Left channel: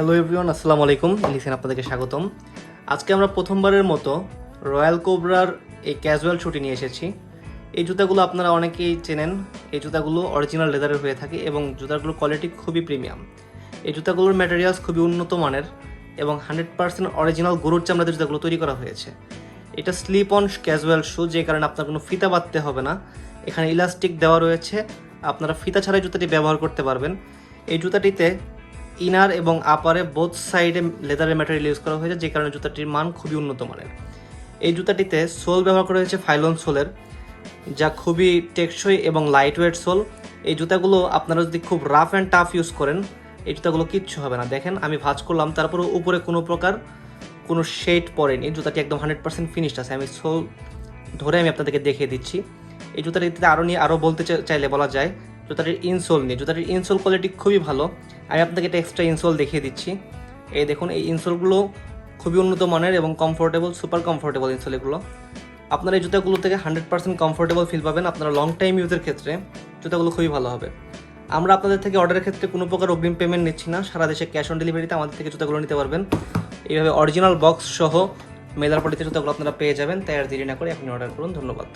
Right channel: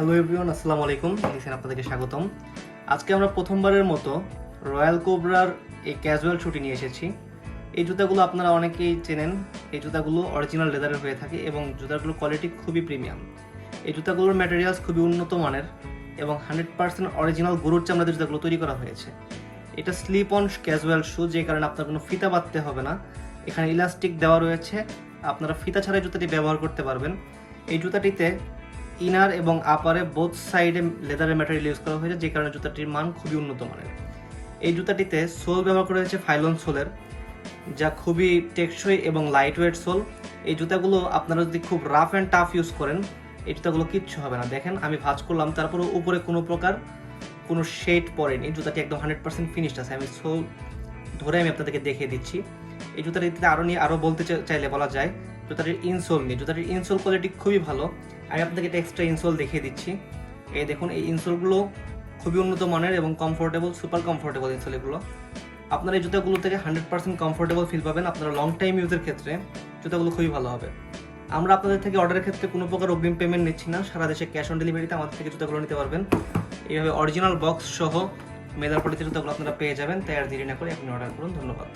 Hello everyone, আসসালামু আলাইকুম। লিখেন আপনাদেরকে স্বাগতম। আজকে আমরা প্রথমবারের মতো রয়্যাল কোবরার এই ক্যাজুয়াল শুটি নিয়ে এসেছি। এই জুতাগুলো আপনারা অনেকেই চেনেন। এই জুতাগুলো অরিজিনাল লেদারের হয়ে থাকে এবং জুতাগুলোর কোয়ালিটি খুবই প্রিমিয়াম। এই জুতাগুলোর ম্যাটেরিয়ালস খুবই উন্নত মানের এবং 100% অরিজিনাল গরুর চামড়াতে জুতাগুলো তৈরি করা হয়েছে। এটা স্লিপ অন ক্যাজুয়াল শু, যে কারণে আপনার কোনো ফিতা বাঁধতে হবে না। এখানে ইলাস্টিক দেওয়া রয়েছে, আপনারা ফিতা ছাড়াই জুতাটি ব্যবহার করতে পারবেন। এই জুতাটিতে ইনার এবং আপারে বোথ সাইডে লেদারের ম্যাটেরিয়াল ইউজ করা হয়েছে, যে কারণে জুতাটির মান খুবই উন্নত মানের। এই জুতাটিতে সোল ব্যবহার করা হয়েছে ফাইলন সোলের, যা খুবই টেকসই এবং লাইট ওয়েট সোল। এই জুতাগুলো আপনারা যদি খুব রাফ অ্যান্ড টাফ ইউজ করেন, এই জুতাগুলো কিচ্ছু হবে না। দেখেন, আমি ভাঁজ করলাম, তারপরে উপরে কোনো প্রকার কোনো শেড পড়েনি। জুতাটি একদম 100% ফিনিশড আছে। আমি সোল ধরে আমি আপনাদেরকে দেখিয়ে দিচ্ছি। এই জুতাটিতে আরও বলতে চাইলে বলা যায় জুতাটির ইনসোল নিয়ে। জুতাটির ইনসোল কোয়ালিটি খুবই ভালো। আমি আপনাকে একটা এক্সট্রা ইনসোল দেখিয়ে দিচ্ছি। এই দেখুন, এই ইনসোলগুলো খুবই উন্নত মানের এবং কমফোর্টেবল, সুপার কমফোর্টেবল ইনসোল এগুলো। আপনারা এই জুতাগুলো থেকে 100% কমফোর্টেবল ফিল পাবেন। আপনারা লং টাইম ইউজের ক্ষেত্রে জুতাগুলো খুবই ভালো হবে। আমরা আপনাদের থেকে অর্ডারের ক্ষেত্রে কোনো প্রকার অগ্রিম পেমেন্ট নিচ্ছি না। সারা দেশে ক্যাশ অন ডেলিভারিতে আমাদের থেকে জুতাগুলো নিতে পারবেন। এইভাবে অরিজিনাল বক্স সহ মেলার পলিতে জুতাগুলো আপনারা পেয়ে যাবেন। তাই আর দেরি না করে আপনি অর্ডার করুন। ধন্যবাদ।